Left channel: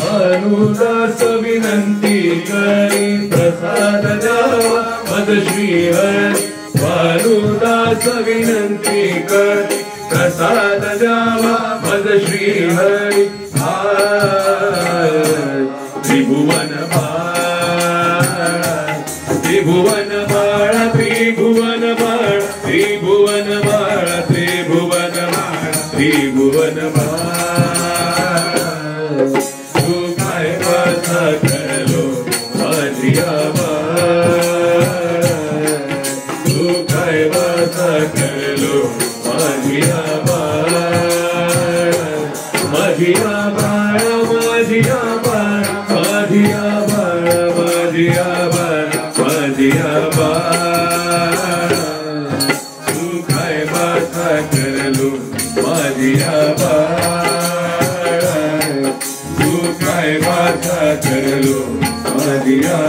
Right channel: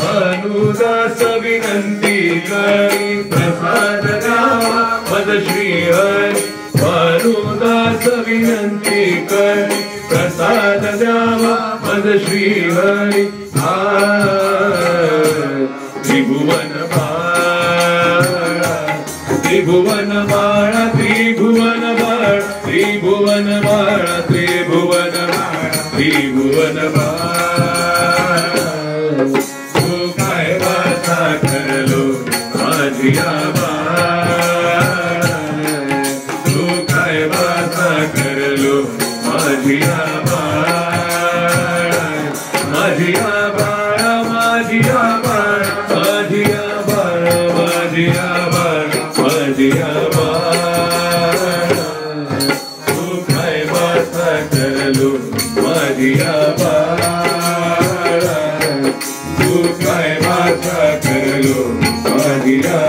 भानुदास विनंती करी प्रसाद द्यावा मद श्रीहरी भानुदास विनंती करी प्रसाद द्यावा मद श्रीहरी त्रिभुवन बाळा त्रिभुवन बाळा त्रिभुवन बाळा त्रिभुवन बाळा त्रिभुवन बाळा त्रिभुवन बाळा तू काय वाचा करलो माझिया बाळा तू काय वाचा करलो माझिया बाळा माझिया बाळा माझिया बाळा माझिया बाळा माझिया बाळा माझिया बाळा तू काय वाचा करलो माझिया बाळा तू काय वाचा करलो माझिया